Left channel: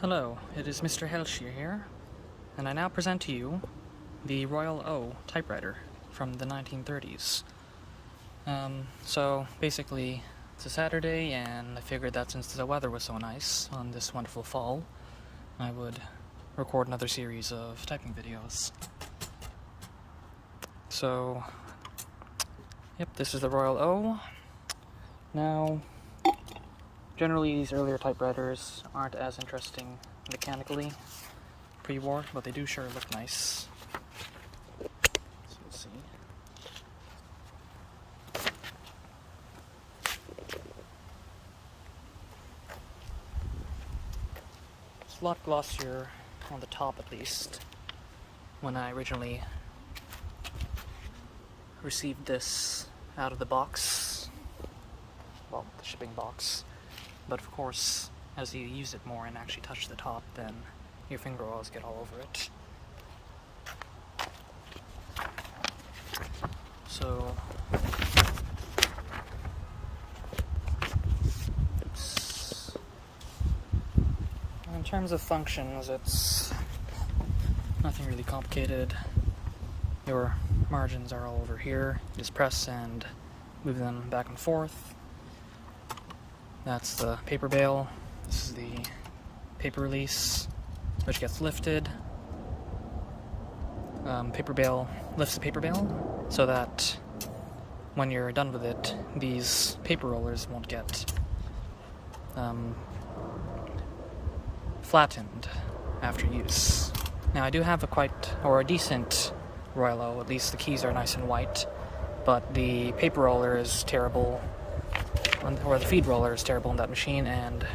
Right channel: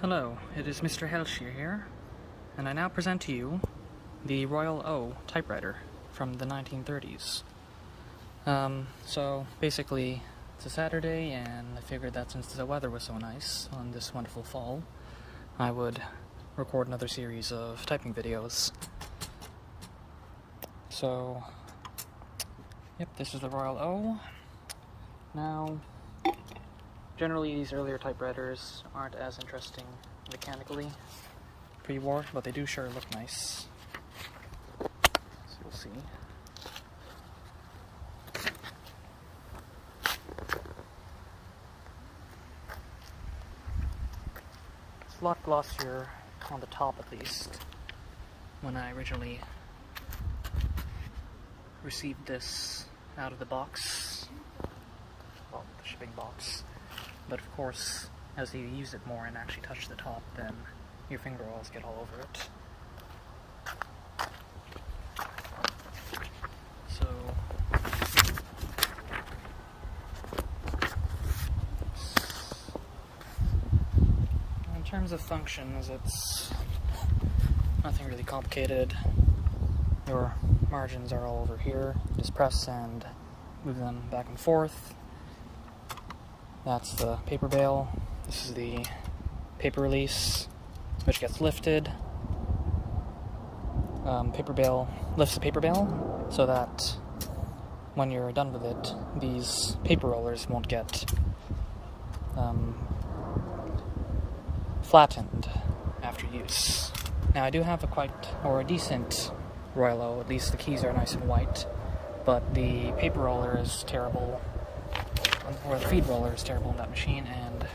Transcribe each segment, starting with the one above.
Hello, it is Mr. Helshear here, and I now present to you the Royal O typewriter from the 1930s. So basically, it's a Saturday, and I figured that since the weather was so nice on this wonderful fall, I would record another series of typing videos. So, yep, this is the Royal O. Now, generally these earlier typewriters aren't as interesting mechanically pre-war, but they do sure look nice. So you'll see. It's a lot glossier on the top, at least. When I originally received this out of the box, well, the shipping box. But of course, as you use it more and actually touch the top, then your finger oils get all over it. So, in terms of functions, it's nothing really complicated. Your margins are all over here. Just press and move them back and forth. That's the paper bale. This is the paper release, which gets lifted. Paper bale lifts the paper bale so that when you're done with it, these paper rollers won't get flattened after use. Now, I do have a decent Royal O. At least the keys are nice and white, but the paper roller is terrible. Or the feed roller is terrible on that machine, and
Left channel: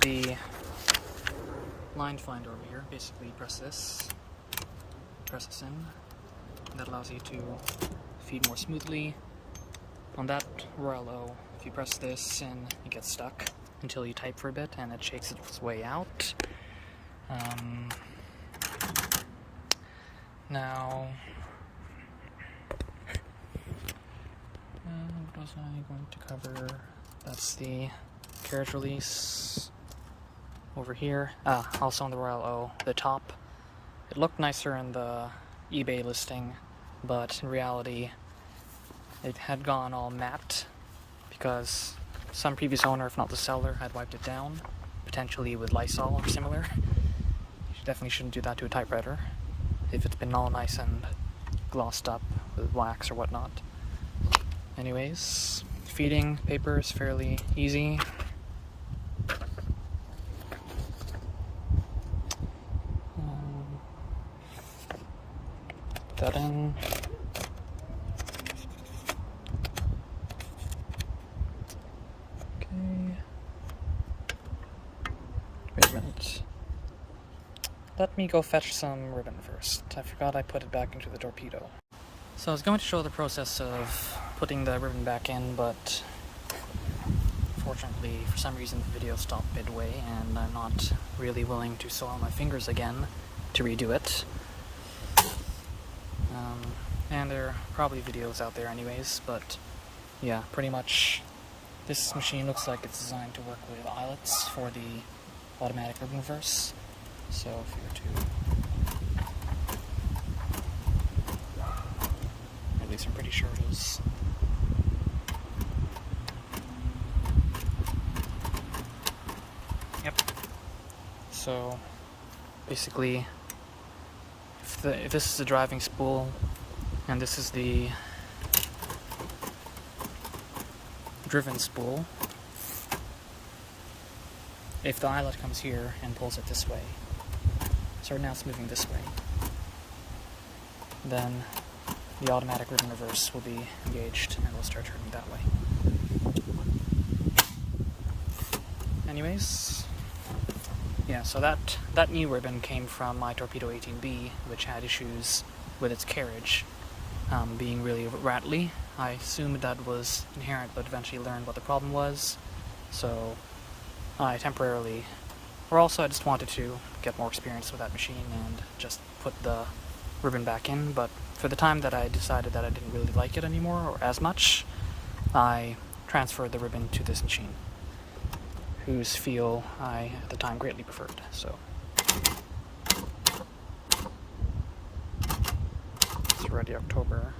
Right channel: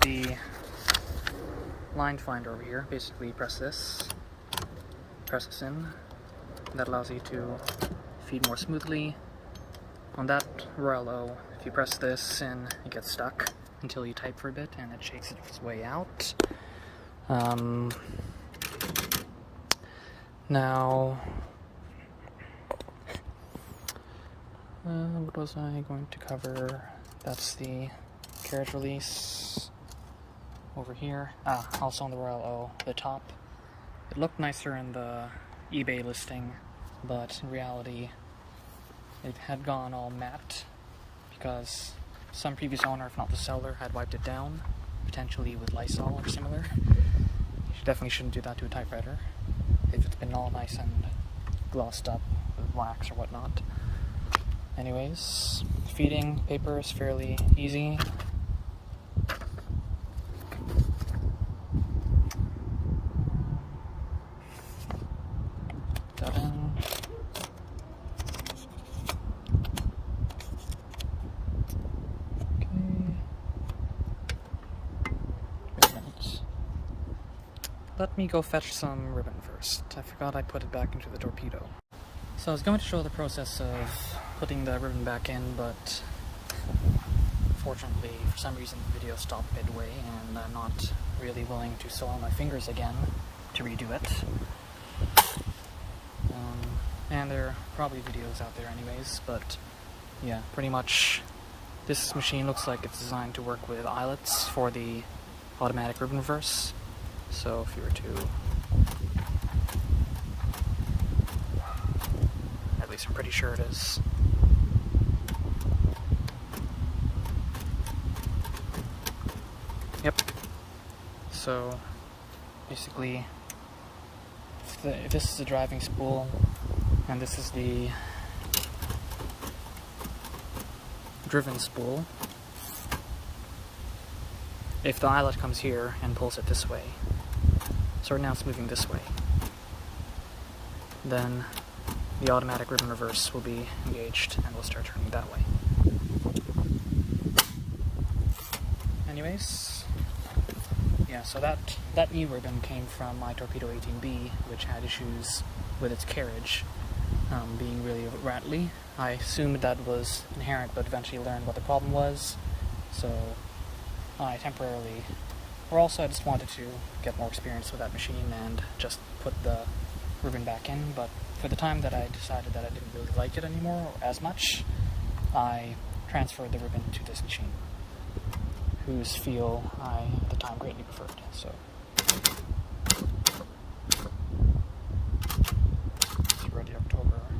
the line finder over here, basically press this in. That allows you to feed more smoothly. On that Royal O, if you press this in, it gets stuck until you type for a bit, and it shakes its way out. Now, what was I going to cover? That's the Carriage release over here. Also on the Royal O, the top. It looked nicer in the eBay listing, but in reality, it had gone all matte because some previous owner, if not the seller, had wiped it down, potentially with Lysol or similar. Definitely shouldn't do that to a typewriter if it's been all nice and glossed up with wax or whatnot. Anyways, feeding paper is fairly easy. Put that in. Okay. Wait a minute. Let me go fetch some ribbon first. I forgot I put it back into the Torpedo. So I was going to show the process of putting the ribbon back in, but fortunately, for some reason, the video stopped midway, and I'm not really willing to soil my fingers again to redo it. And there are probably videos out there anyways, but yeah, pretty much this machine looks like it's designed to work with eyelets for the automatic ribbon reverse. So if you were to, at least I'm pretty sure it is. Yep. So basically, if this is the driving spool and this is the driven spool, if the eyelet comes here and pulls it this way, so right now it's moving this way, then the automatic ribbon reverse will be engaged and will start turning that way. Anyways, yeah, so that new ribbon came from my Torpedo 18B, which had issues with its carriage being really rattly. I assumed that was inherent, but eventually learned what the problem was, so I temporarily, or also I just wanted to get more experience with that machine and just put the ribbon back in, but for the time that I decided that I didn't really like it anymore, or as much, I transferred the ribbon to this machine. whose feel I at the time greatly preferred. So it's already October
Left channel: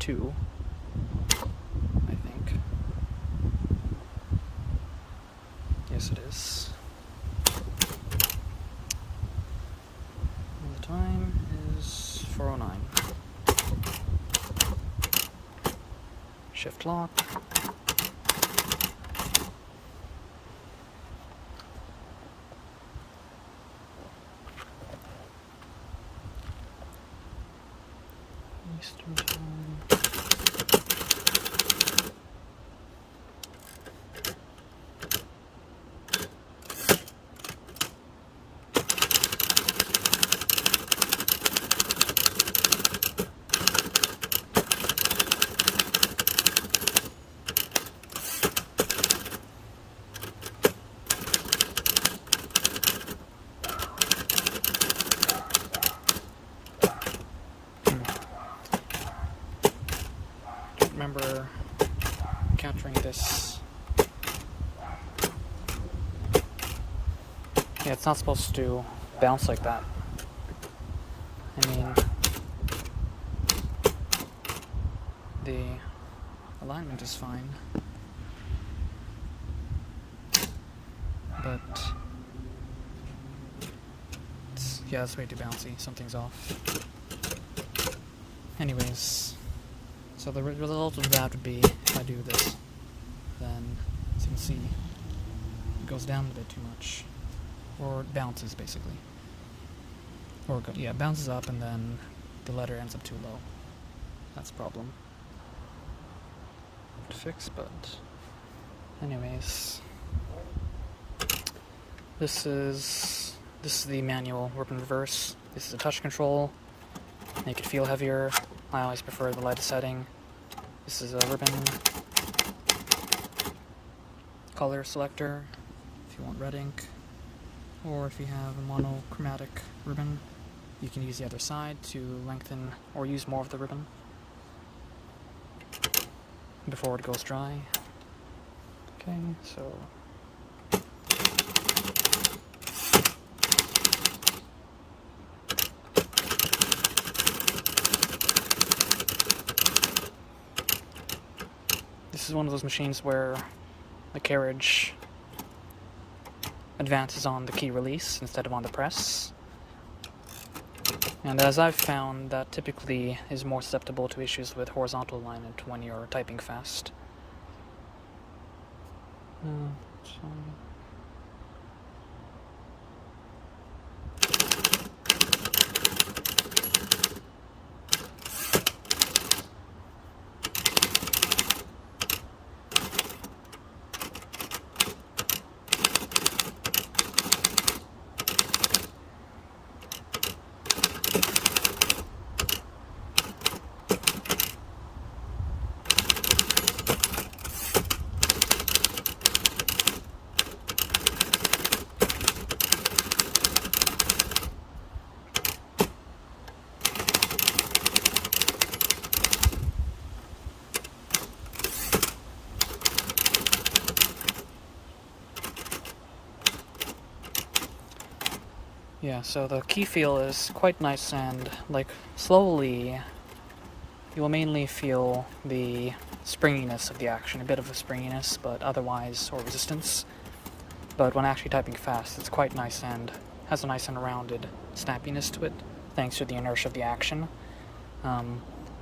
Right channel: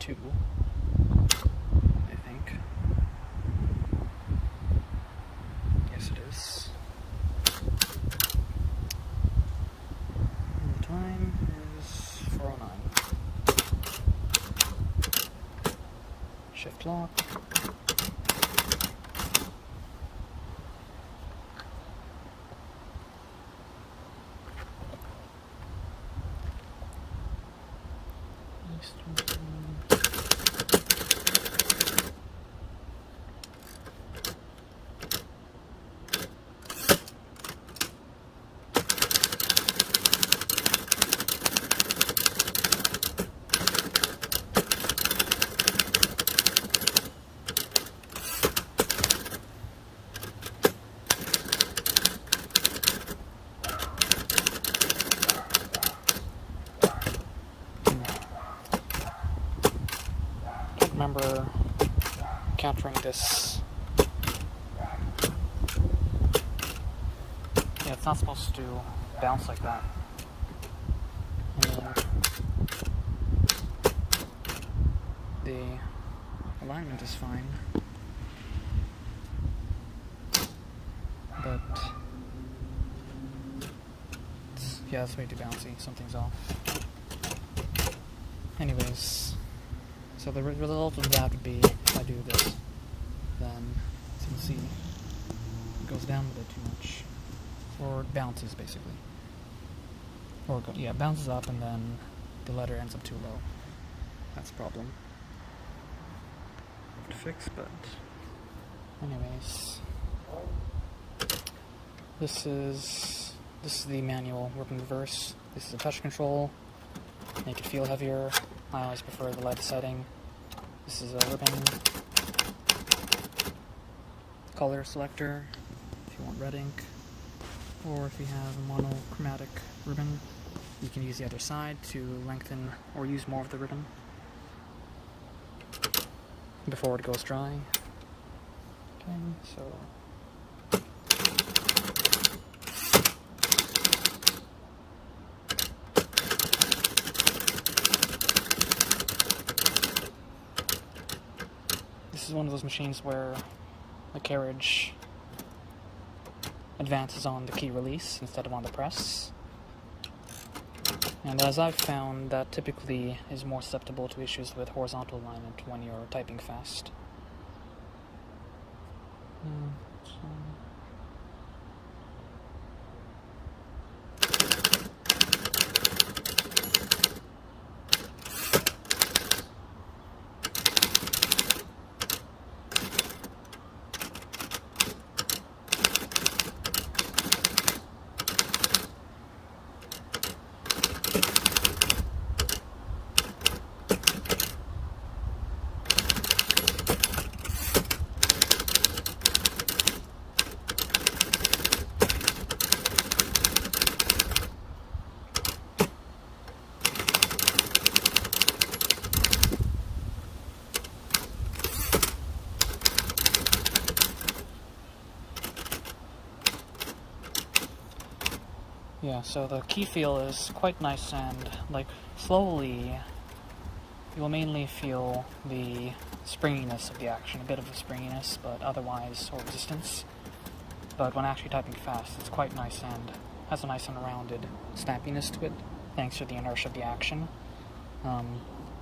2, I think. Yes, it is. And the time is 4:09. Shift lock. Remember capturing this. Yeah, it's not supposed to bounce like that. I mean, the alignment is fine, but yeah, it's way too bouncy. Something's off. Anyways. So the result of that would be, if I do this, then, as you can see, it goes down a bit too much. Or it bounces, basically. Or, yeah, it bounces up and then the letter ends up too low. That's a problem to fix, but anyways. This is the manual ribbon reverse. This is a touch control. Make it feel heavier. I always prefer the light setting. This is a ribbon color selector if you want red ink, or if you have a monochromatic ribbon, you can use the other side to lengthen or use more of the ribbon before it goes dry. Okay, so this is one of those machines where the carriage advances on the key release instead of on the press. And as I've found, that typically is more susceptible to issues with horizontal alignment when you're typing fast. Yeah, so the key feel is quite nice, and like slowly you'll mainly feel the springiness of the action, a bit of a springiness, but otherwise, or resistance. But when actually typing fast, it's quite nice and has a nice and rounded snappiness to it, thanks to the inertia of the action.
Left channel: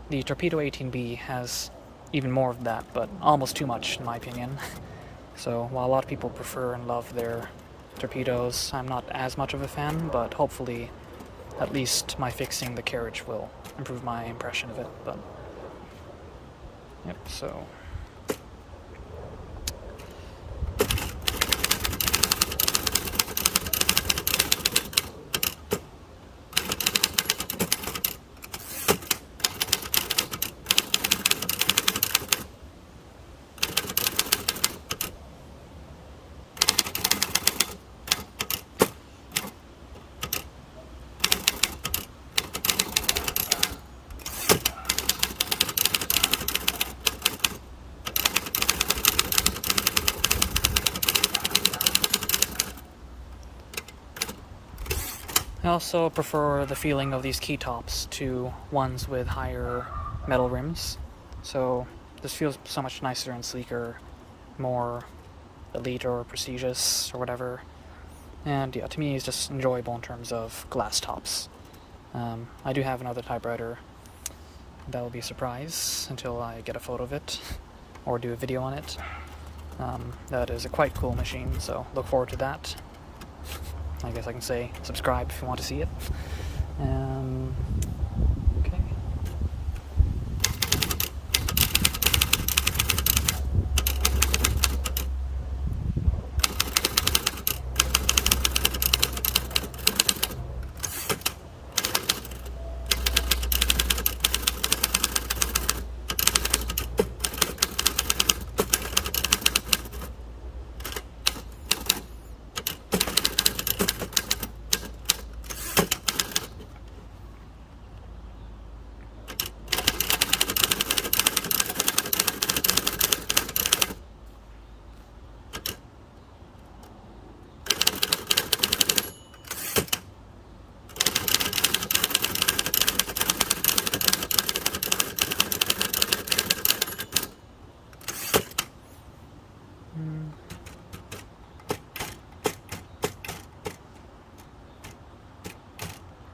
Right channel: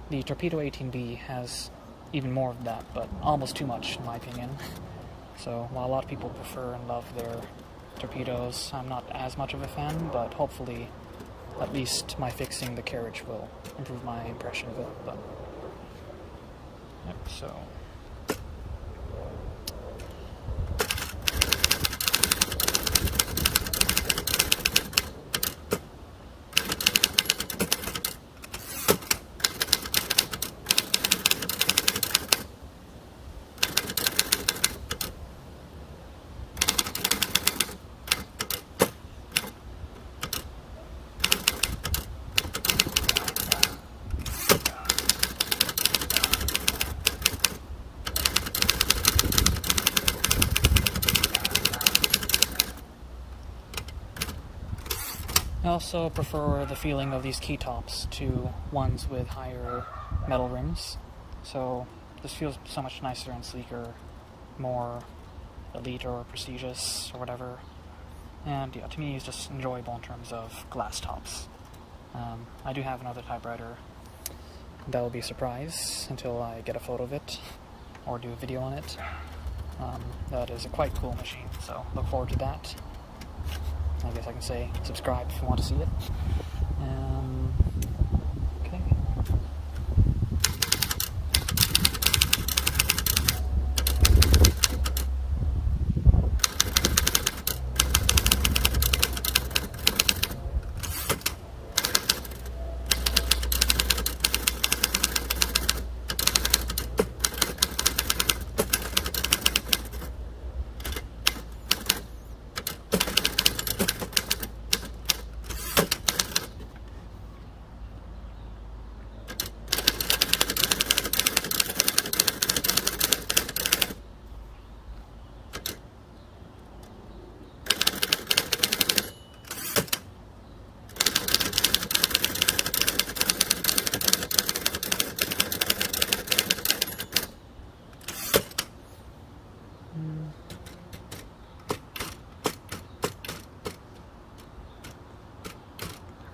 The Torpedo 18B has even more of that, but almost too much in my opinion. So while a lot of people prefer and love their Torpedoes, I'm not as much of a fan, but hopefully at least my fixing the Carriage will improve my impression of it. But yep, so I also prefer the feeling of these keytops to ones with higher metal rims. So this feels so much nicer and sleeker, more elite or prestigious or whatever. And yeah, to me it's just enjoyable in terms of glass tops. I do have another typewriter. That will be a surprise until I get a photo of it or do a video on it. That is a quite cool machine, so look forward to that. I guess I can say subscribe if you want to see it. Okay.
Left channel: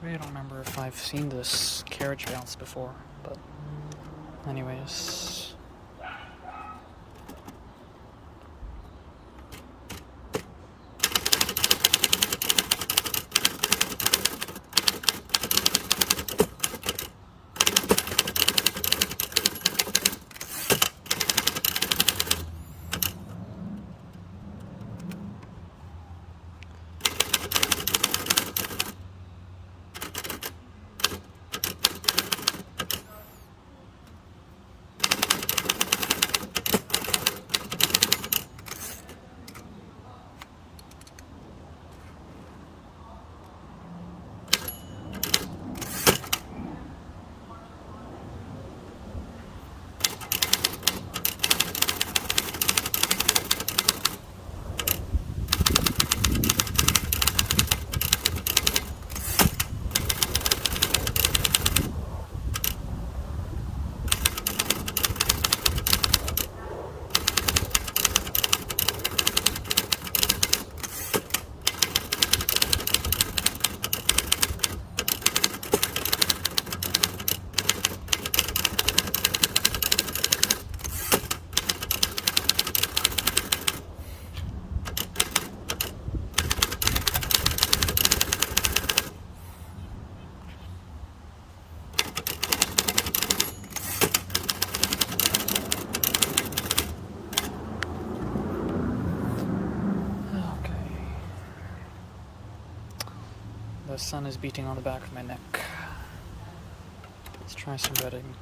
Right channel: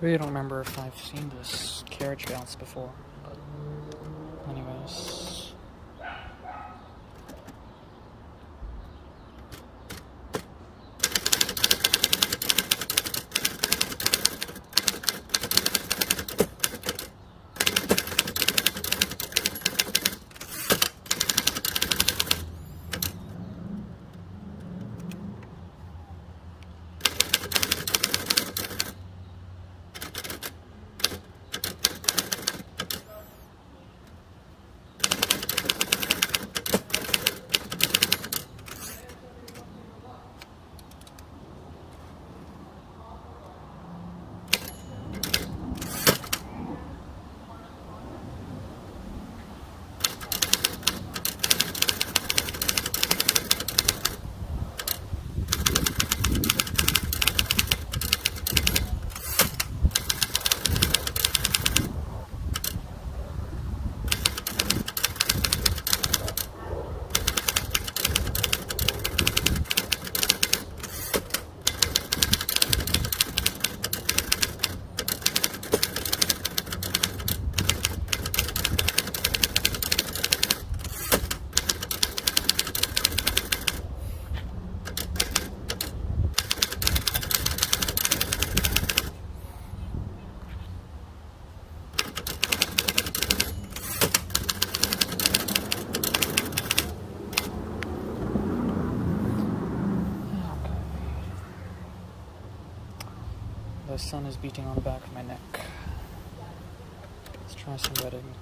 I really don't remember if I've seen this carriage bounce before, but anyways. The sun is beating on the back of my neck. Let's try some red ink.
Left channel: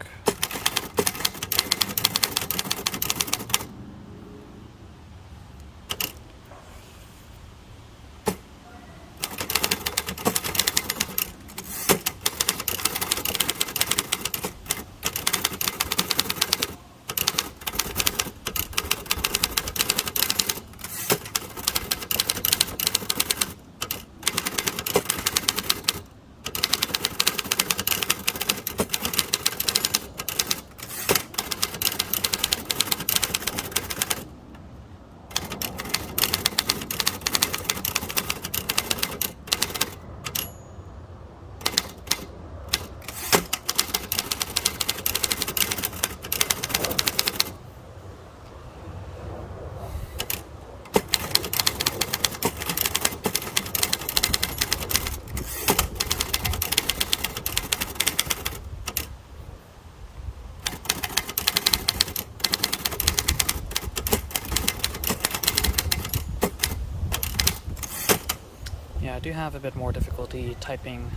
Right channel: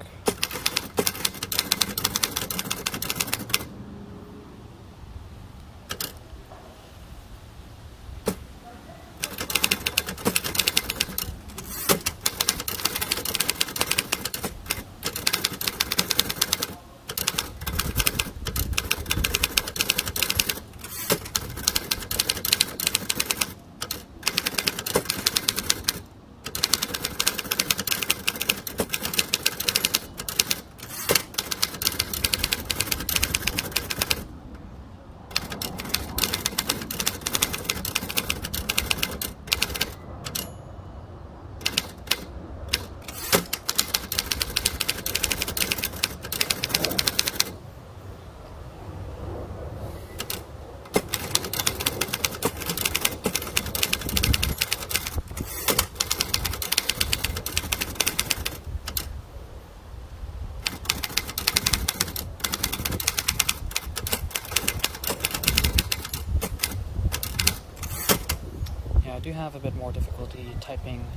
I do have a bit more difficulty typing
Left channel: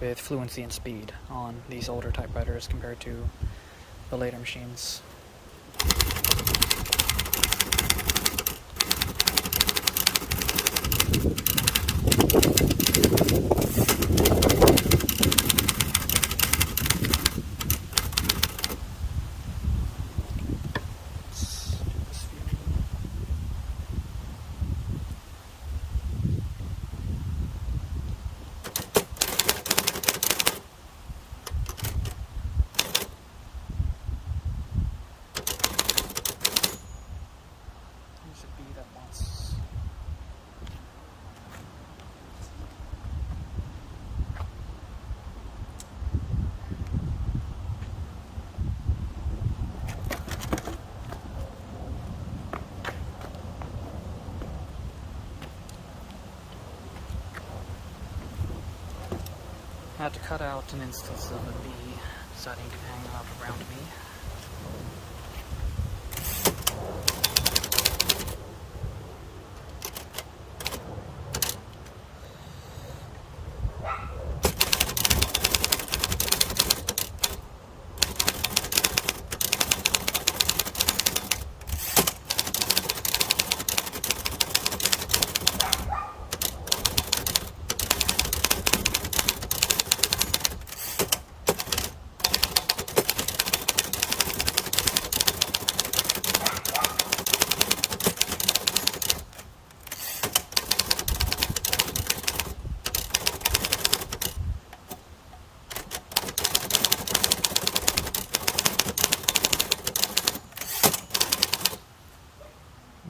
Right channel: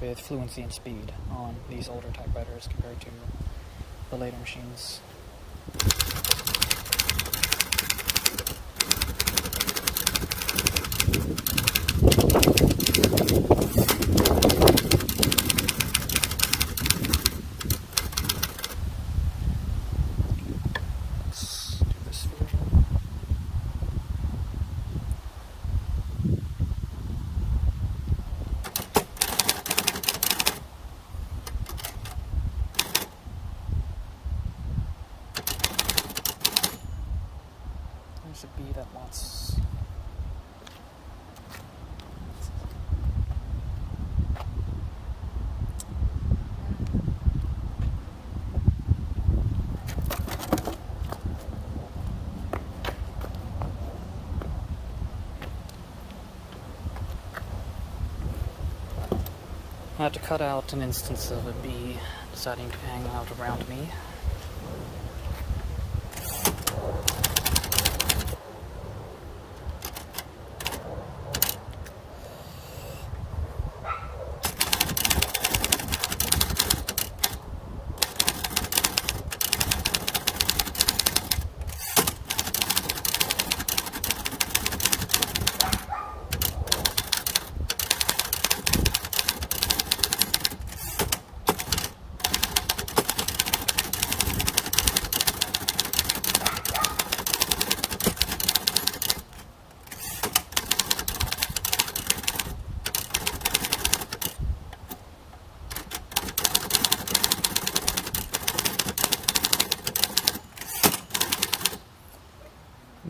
with fluency and speed on these older typewriters compared to the later machines. I had to cut out an instance of a bee deciding to hang out around me.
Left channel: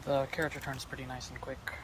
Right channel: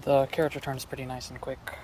The carriage returns pretty nice and quick.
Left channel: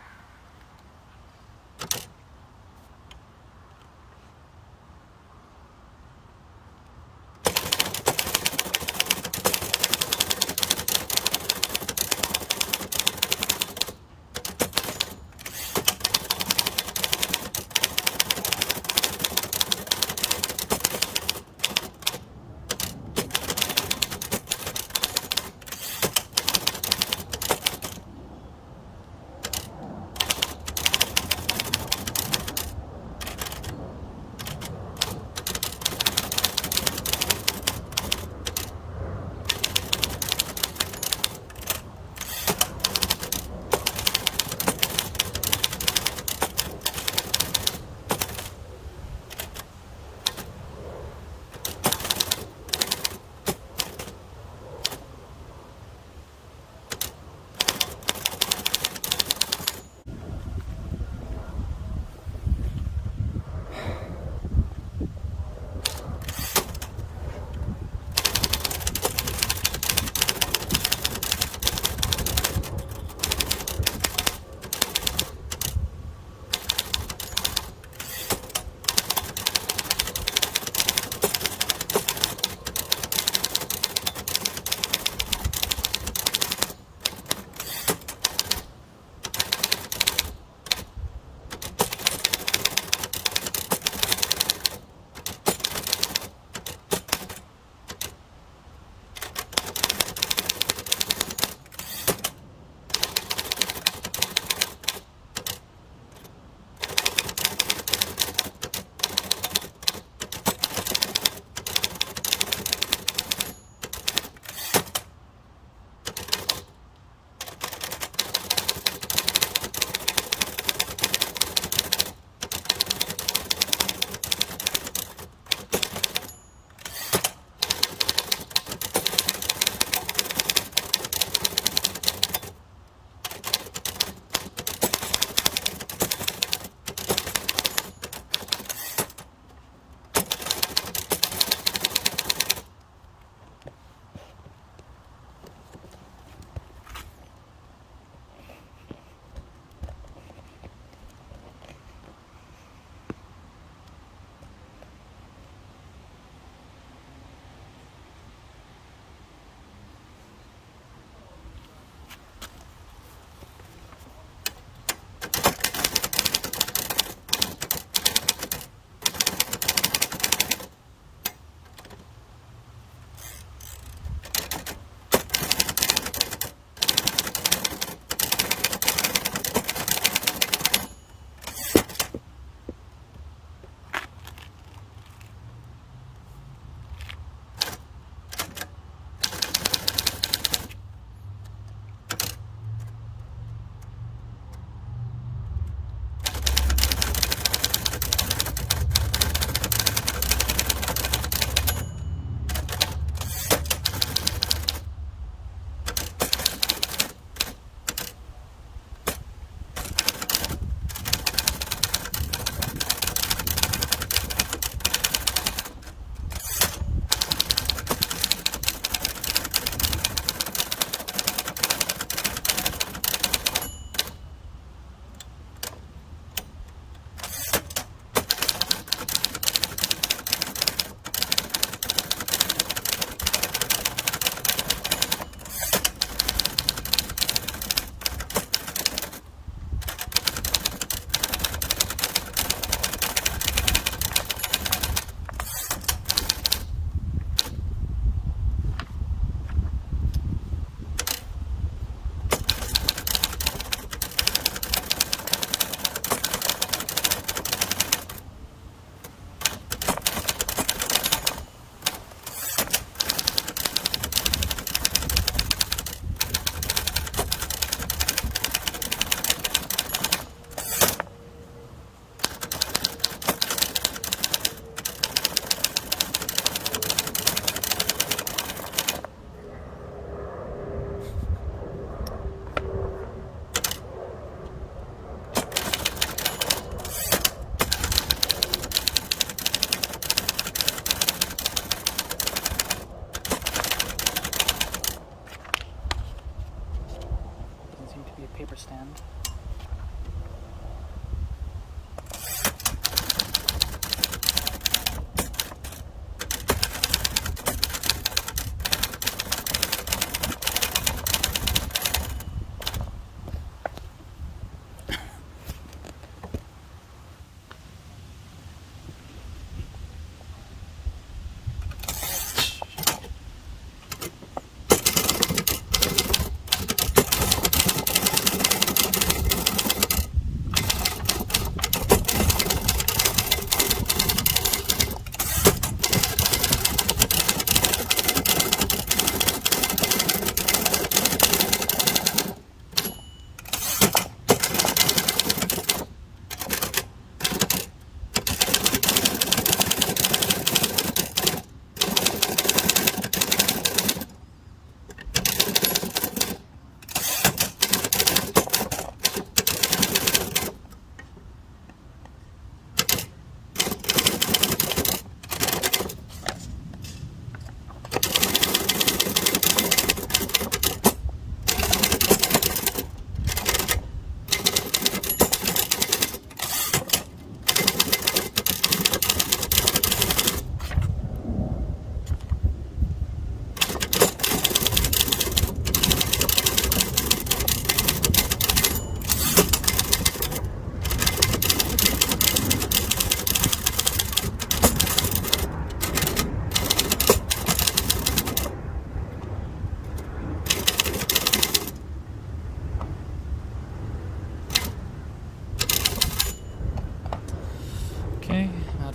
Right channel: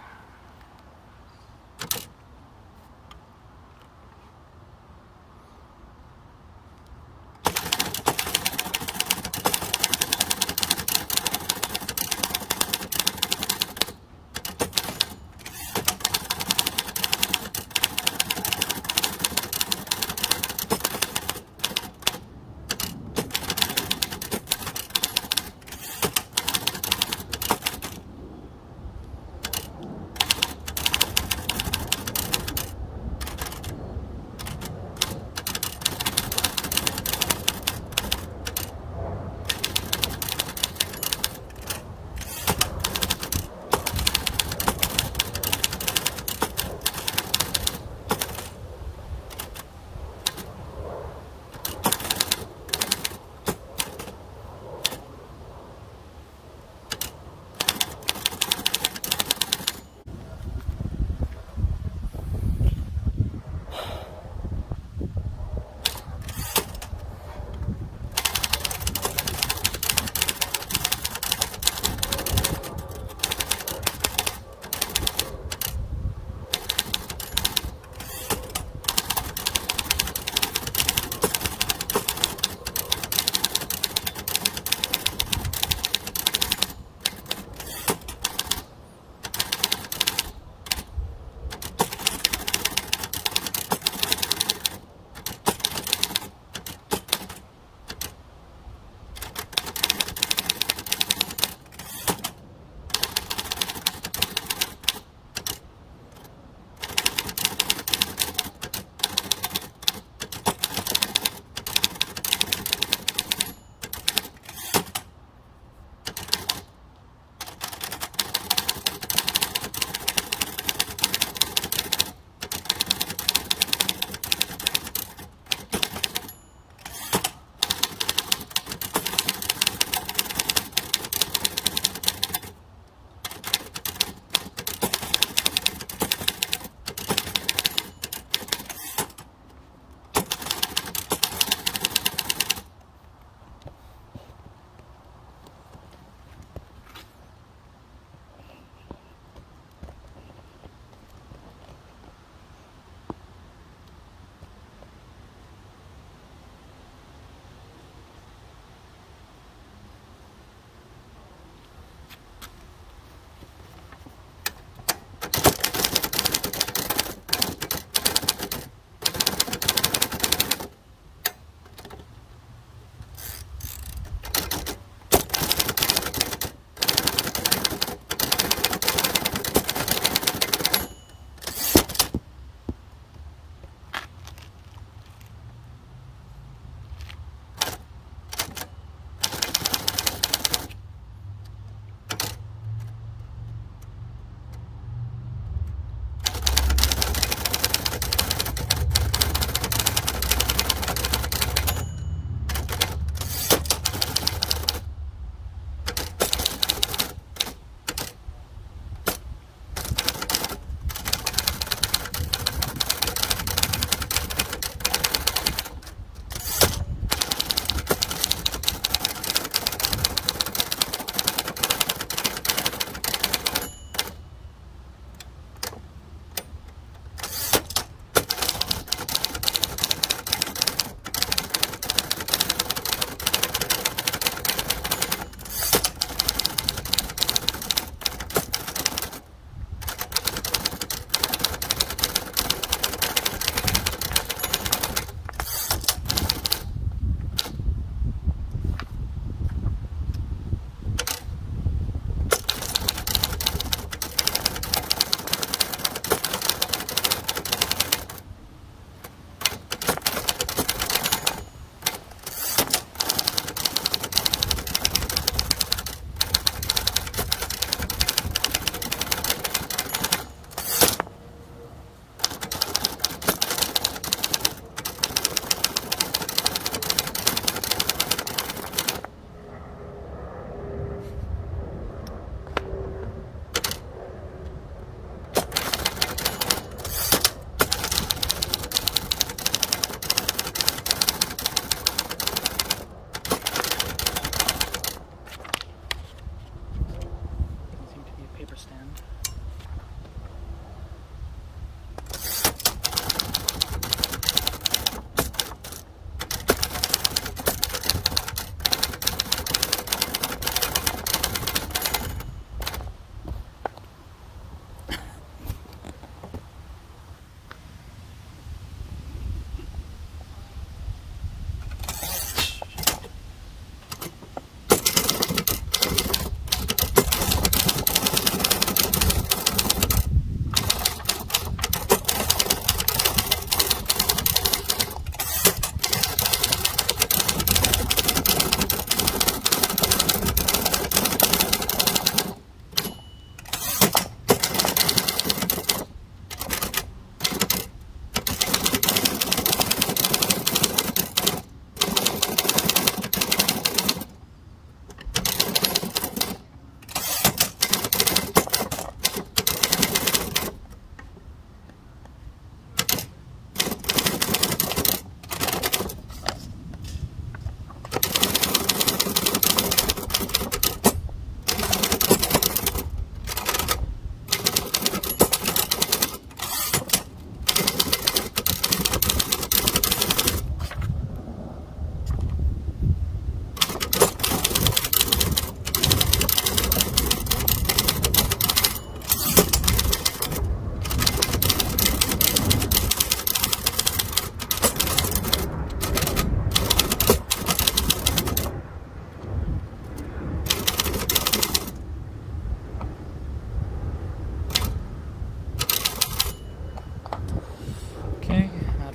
paper stand.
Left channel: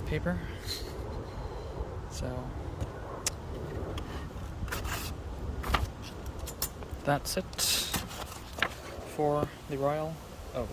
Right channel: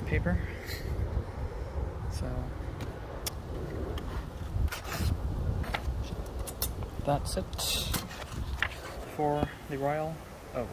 Paper. So that's it for the Royal. Oh,